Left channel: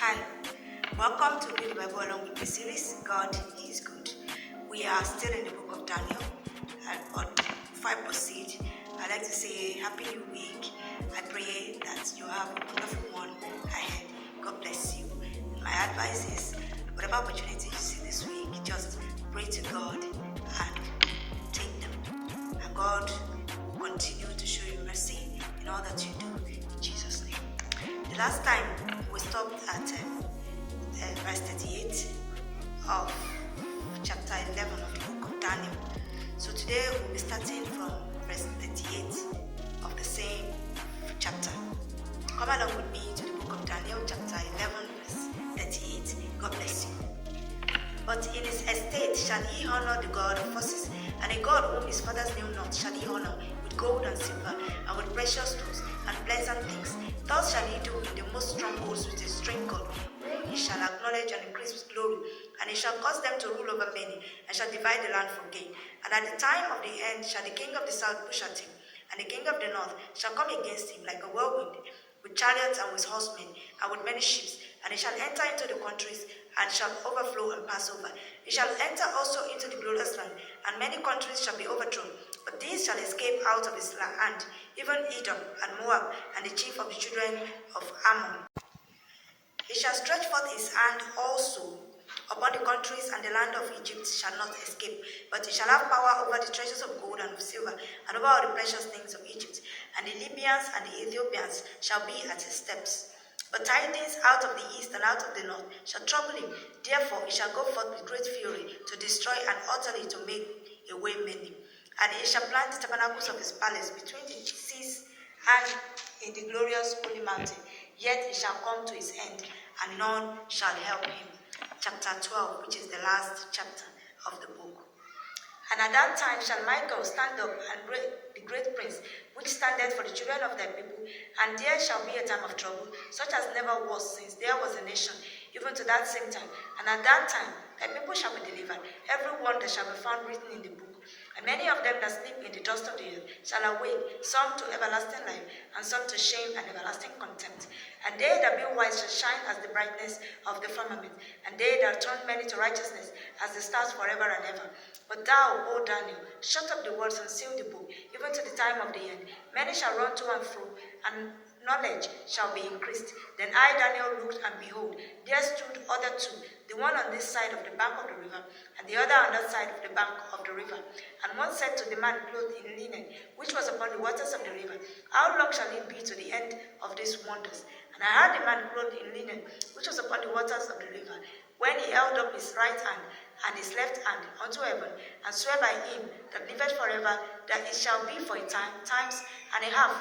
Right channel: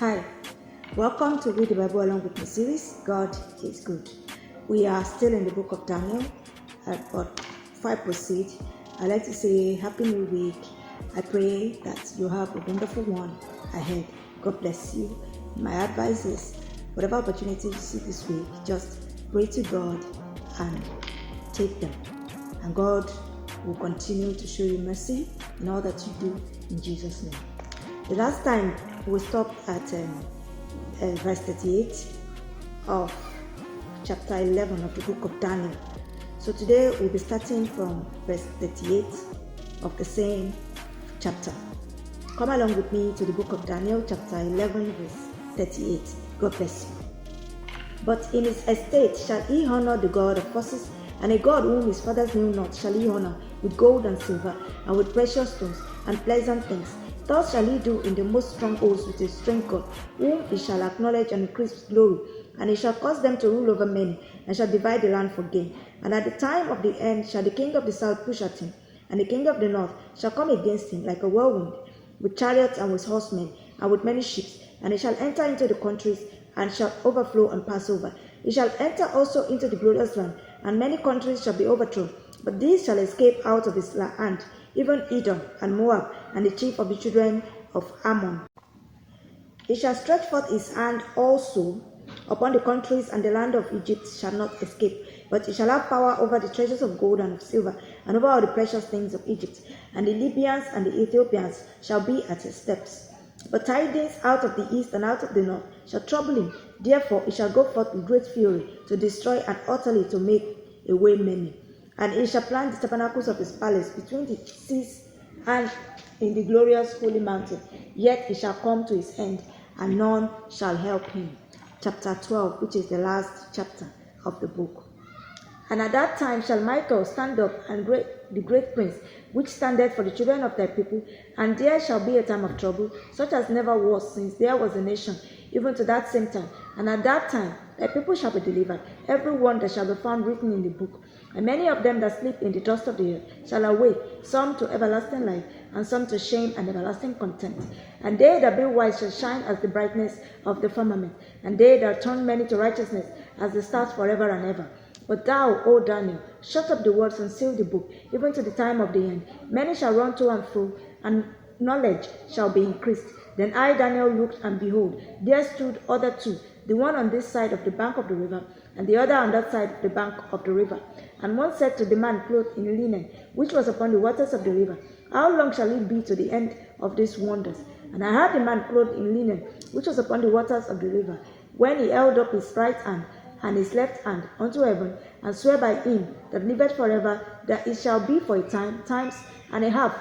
Hi, welcome to Read the Bible Along with Me series. God is good. We are still in the book of Daniel, but before I proceed, I'd like to say Happy New Week. I pray that you have a wonderful one ahead. God bless you. My advice is, whatever opportunity you see this week, just pray to God and take them. And God will continue to show you mercy in all that you do in Jesus' name. The last time we stopped at verse 38 of chapter 11 of the book of Daniel. So today we'll be starting from verse 38 of the same chapter. Come along with me to the book of Daniel, chapter 11, verse 38. God bless you. But in his estate shall he honor the God of forces, and a God whom his fathers knew not shall he honor with gold and silver, and with precious stones and pleasant things. Thus shall he do in the most strongholds with his strength God, whom he shall acknowledge and increase with glory. And he shall cause them to rule over many, and shall divide the land for gain. And at the time of the end shall the king of the south push at him, and the king of the north shall come against him like a whirlwind, with chariots and with horsemen, and with many ships. And he shall enter into the countries, and shall overflow and pass over. He shall enter also into the glorious land, and many countries shall be overthrown. But these shall escape out of his hand, even Edom and Moab, and the chief of the children of Ammon. He shall stretch forth his hand also upon the countries, and the land of Egypt shall not escape. But he shall have power over the treasures of gold and of silver, and over all the precious things of Egypt. And the Libyans and the Ethiopians shall be at his steps. But tidings out of the east and out of the north shall trouble him. Therefore he shall go forth with great fury to destroy and utterly to make away many. And he shall plant the tabernacles of his palace between the seas and in the glorious holy mountain. Yet he shall come to his end, and none shall help him. Chapter 12, which is the last chapter of the book. And at that time shall Michael stand up, and the great prince, which standeth for the children of thy people, and there shall be a time of trouble, such as never was since there was a nation, even to that same time. And at that time thy people shall be delivered, every one that shall be found written in the book. And many of them that sleep in the dust of the earth shall awake, some to everlasting life, and some to shame and everlasting contempt. And they that be wise shall shine as the brightness of the firmament, and they that turn many to righteousness as the stars forever and ever. But thou, O Daniel, shut up the words and seal the book, even to the time of the end. Many shall run to and fro, and knowledge shall be increased. Then I, Daniel, looked, and behold, there stood other two, the one on this side of the bank of the river, and the other on that side of the bank of the river. And one said to the man clothed in linen, which was upon the waters of the river, How long shall it be to the end of these wonders? And I heard the man clothed in linen, which was upon the waters of the river, when he held up his right hand and his left hand unto heaven, and swear by him that liveth forever, that it shall be for a time, times and a half.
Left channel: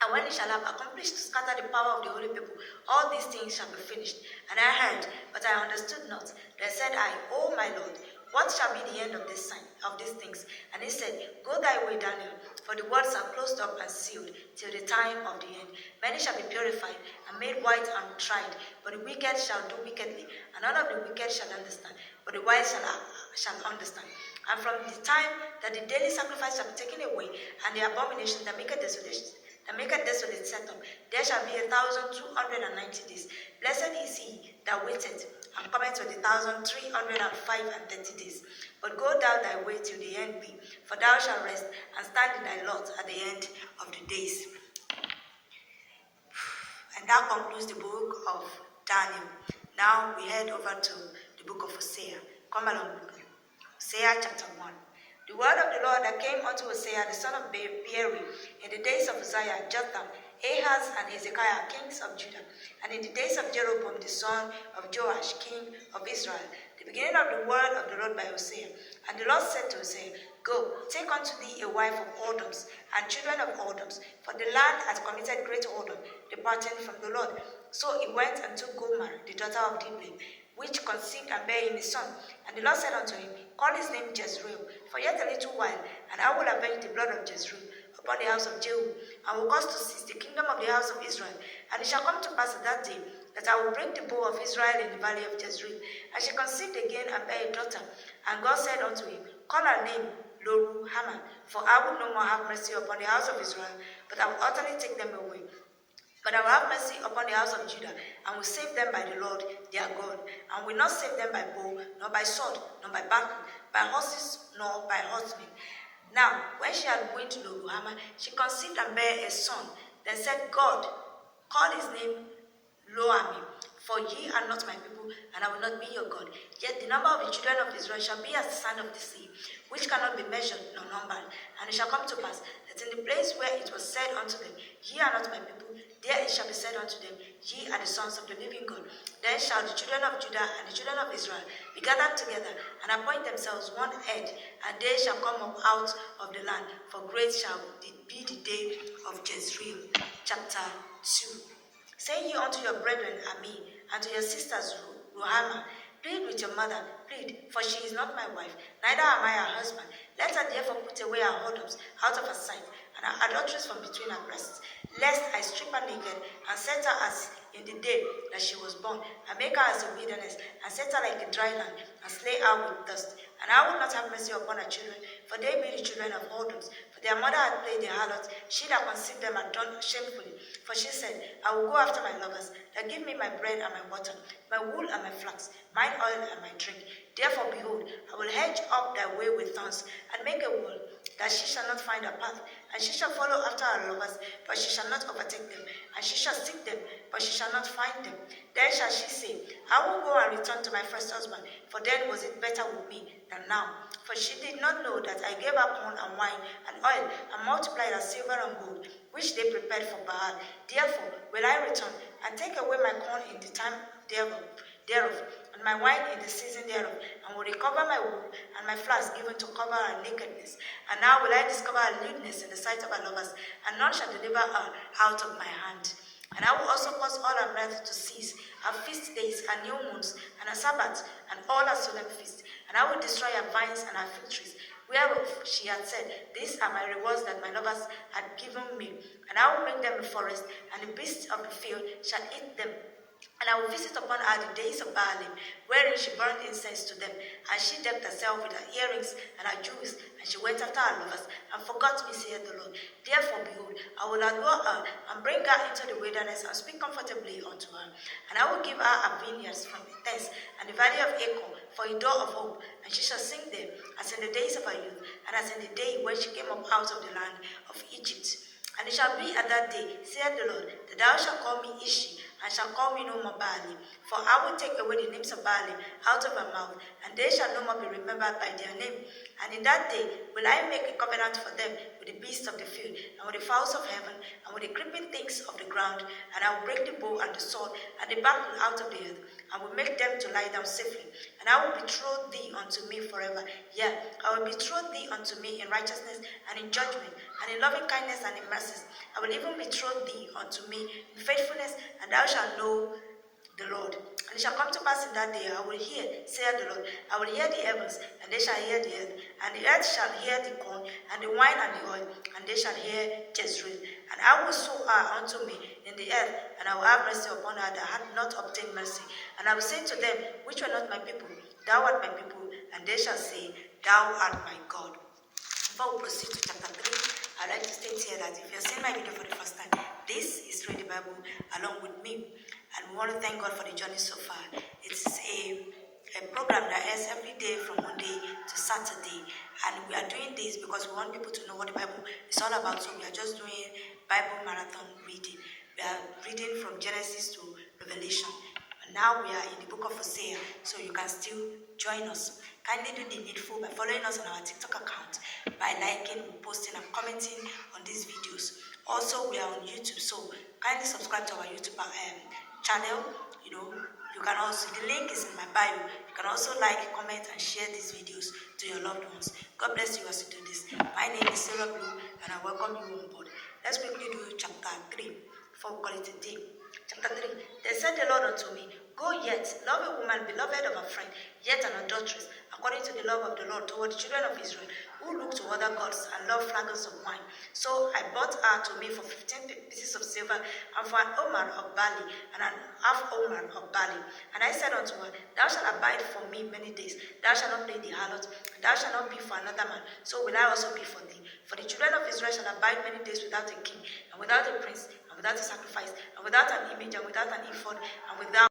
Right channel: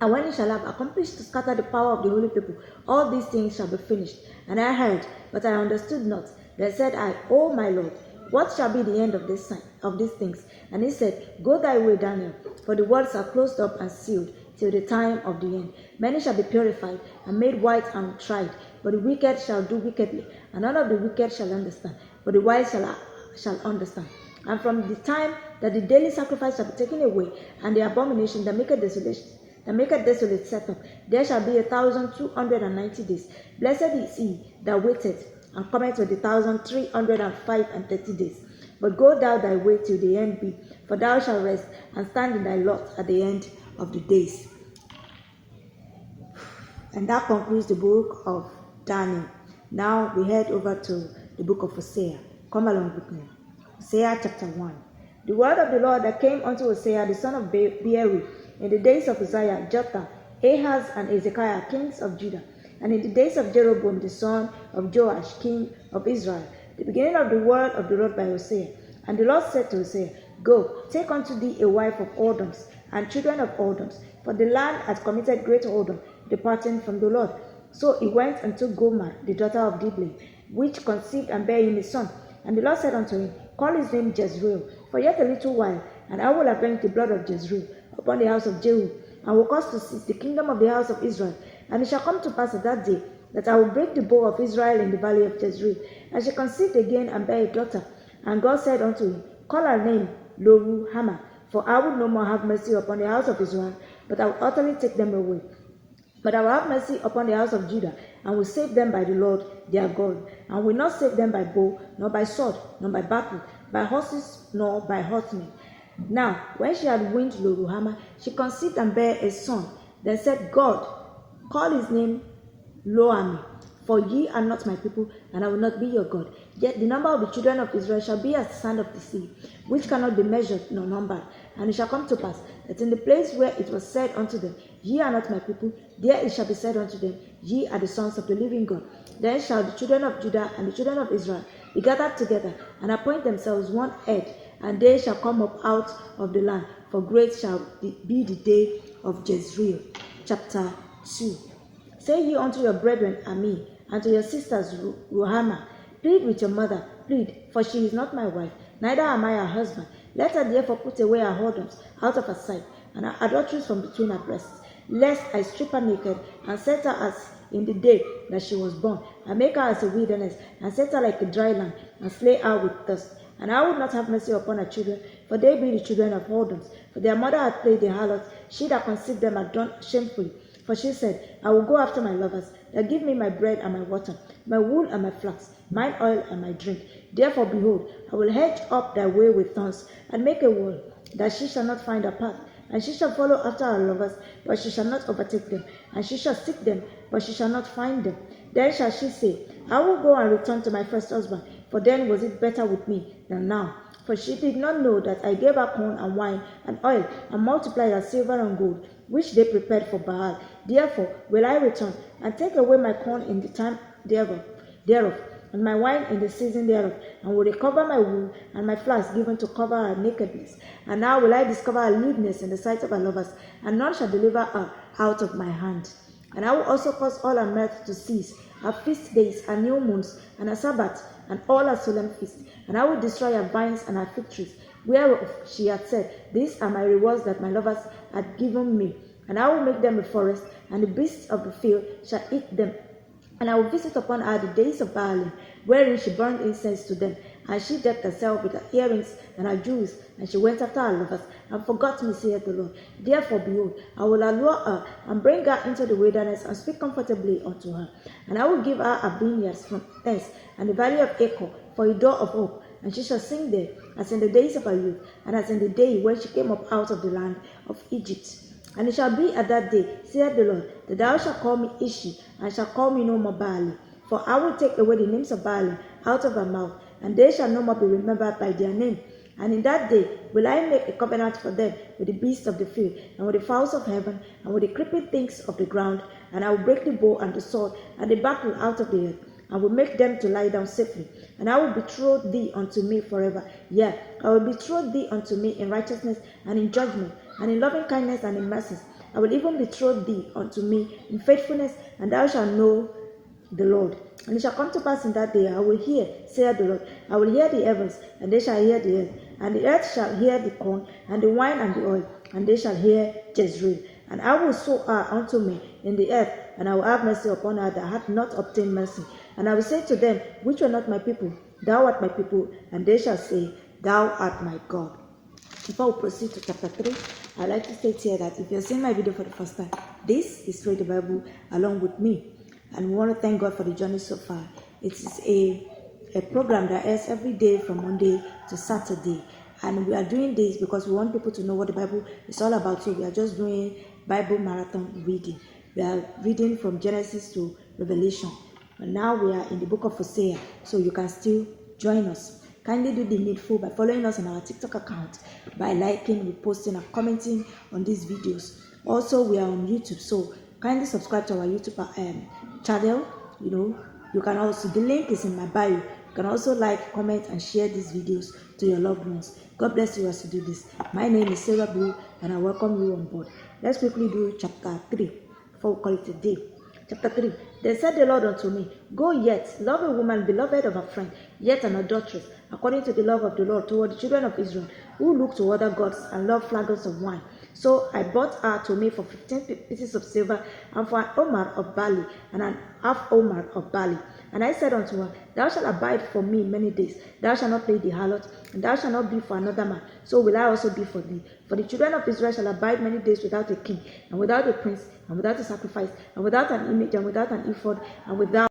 And when he shall have accomplished to scatter the power of the holy people, all these things shall be finished. And I heard, but I understood not. Then said I, O my Lord, what shall be the end of this sign, of these things? And he said, Go thy way, Daniel, for the words are closed up and sealed till the time of the end. Many shall be purified and made white and tried, but the wicked shall do wickedly, and none of the wicked shall understand, but the wise shall understand. And from the time that the daily sacrifice shall be taken away, and the abomination that maketh desolate set up, there shall be 1,290 days. Blessed is he that waiteth, and cometh with 1,305 and 30 days. But go thou thy way till the end be, for thou shalt rest and stand in thy lot at the end of the days. And that concludes the book of Daniel. Now we head over to the book of Hosea. Come along with me. Hosea chapter 1. The word of the Lord that came unto Hosea the son of Beeri in the days of Uzziah, Jotham, Ahaz, and Hezekiah, kings of Judah, and in the days of Jeroboam the son of Joash, king of Israel, the beginning of the word of the Lord by Hosea. And the Lord said to Hosea, Go, take unto thee a wife of whoredoms, and children of whoredoms, for the land hath committed great whoredom, departing from the Lord. So he went and took Gomer, the daughter of Diblaim, which conceived and bare him a son. And the Lord said unto him, Call his name Jezreel, for yet a little while, and I will avenge the blood of Jezreel upon the house of Jehu, and will cause to cease the kingdom of the house of Israel. And it shall come to pass at that day, that I will break the bow of Israel in the valley of Jezreel. And she conceived again and bare a daughter. And God said unto him, Call her name Loruhamah, for I will no more have mercy upon the house of Israel, but I will utterly take them away. But I will have mercy upon the house of Judah, and will save them by the Lord their God, and will not save them by bow, nor by sword, nor by battle, by horses, nor by horsemen. Now, when she had weaned Lo-Ruhamah, she conceived and bare a son. Then said God, call his name Lo-Ami, for ye are not my people, and I will not be your God. Yet the number of the children of Israel shall be as the sand of the sea, which cannot be measured nor numbered. And it shall come to pass, that in the place where it was said unto them, Ye are not my people, there it shall be said unto them, Ye are the sons of the living God. Then shall the children of Judah and the children of Israel be gathered together, and appoint themselves one head, and they shall come up out of the land, for great shall be the day of Jezreel. Chapter 2. Say ye unto your brethren Ami, and to your sisters Ruhamah, plead with your mother, plead, for she is not my wife, neither am I her husband. Let her therefore put away her whoredoms out of her sight, and her adulteries from between her breasts, lest I strip her naked, and set her as in the day that she was born, and make her as a wilderness, and set her like a dry land, and slay her with thirst. And I would not have mercy upon her children, for they be the children of whoredoms. For their mother had played the harlot, she that conceived them had done shamefully. For she said, I will go after my lovers, that give me my bread and my water, my wool and my flax, mine oil and my drink. Therefore, behold, I will hedge up thy way with thorns, and make a wall, that she shall not find her path. And she shall follow after her lovers, but she shall not overtake them. And she shall seek them, but she shall not find them. Then shall she say, I will go and return to my first husband, for then was it better with me than now. For she did not know that I gave her corn and wine and oil, and multiplied her silver and gold, which they prepared for Baal. Therefore will I return, and take away my corn in the time thereof, and my wine in the season thereof, and will recover my wool and my flax given to cover her nakedness. And now will I discover her lewdness in the sight of her lovers, and none shall deliver her out of my hand. And I will also cause all her mirth to cease, her feast days, her new moons, and her Sabbaths, and all her solemn feasts. And I will destroy her vines and her fig trees, whereof she had said, These are my rewards that my lovers had given me. And I will make them a forest, and the beasts of the field shall eat them. And I will visit upon her the days of Baalim, wherein she burned incense to them. And she decked herself with her earrings and her jewels, and she went after her lovers, and forgot me, saith the Lord. Therefore, behold, I will allure her, and bring her into the wilderness, and speak comfortably unto her. And I will give her her vineyards from thence, and the valley of Achor for a door of hope. And she shall sing there, as in the days of her youth, and as in the day when she came up out of the land of Egypt. And it shall be at that day, saith the Lord, that thou shalt call me Ishi, and shalt call me no more Baali. For I will take away the names of Baali out of her mouth, and they shall no more be remembered by their name. And in that day will I make a covenant for them with the beasts of the field, and with the fowls of heaven, and with the creeping things of the ground. And I will break the bow and the sword and the battle out of the earth, and will make them to lie down safely. And I will betroth thee unto me forever. Yea, I will betroth thee unto me in righteousness and in judgment, and in loving kindness and in mercies. I will even betroth thee unto me in faithfulness, and thou shalt know the Lord. And it shall come to pass in that day, I will hear, saith the Lord, I will hear the heavens, and they shall hear the earth, and the earth shall hear the corn, and the wine, and the oil, and they shall hear Jezreel. And I will sow her unto me in the earth, and I will have mercy upon her that hath not obtained mercy. And I will say to them, which were not my people, Thou art my people, and they shall say, Thou art my God. Before we proceed to chapter 3, I'd like to state here that if you're seeing my video for the first time, this is Read the Bible along with me. And we want to thank God for the journey so far. It is a program that airs every day from Monday to Saturday. And we are doing this because we want people to know what the Bible is all about. So we are just doing Bible marathon reading. We are reading from Genesis to Revelation. And now we are in the book of Hosea. So you can still join us. Kindly do the needful by following us on our TikTok account, by liking, reposting, and commenting on these videos. Also, we are on YouTube. So kindly subscribe to our YouTube channel. You can also, the link is in my bio. You can also like, comment, and share these videos to your loved ones. God bless you as you do this. My name is Sarah Blue, and I welcome you on board. Let's quickly do chapter 3 before we call it a day. Chapter 3. Then said the Lord unto me, Go yet, love a woman beloved of her friend, yet an adulteress, according to the love of the Lord toward the children of Israel, who look to other gods and love flagons of wine. So I bought her to me for 15 pieces of silver, and for an omer of barley, and an half omer of barley. And I said unto her, Thou shalt abide for me many days. Thou shalt not play the harlot, and thou shalt not be for another man. So will I also be for thee. For the children of Israel shall abide many days without a king, and without a prince, and without a sacrifice, and without an image, and without an ephod, and without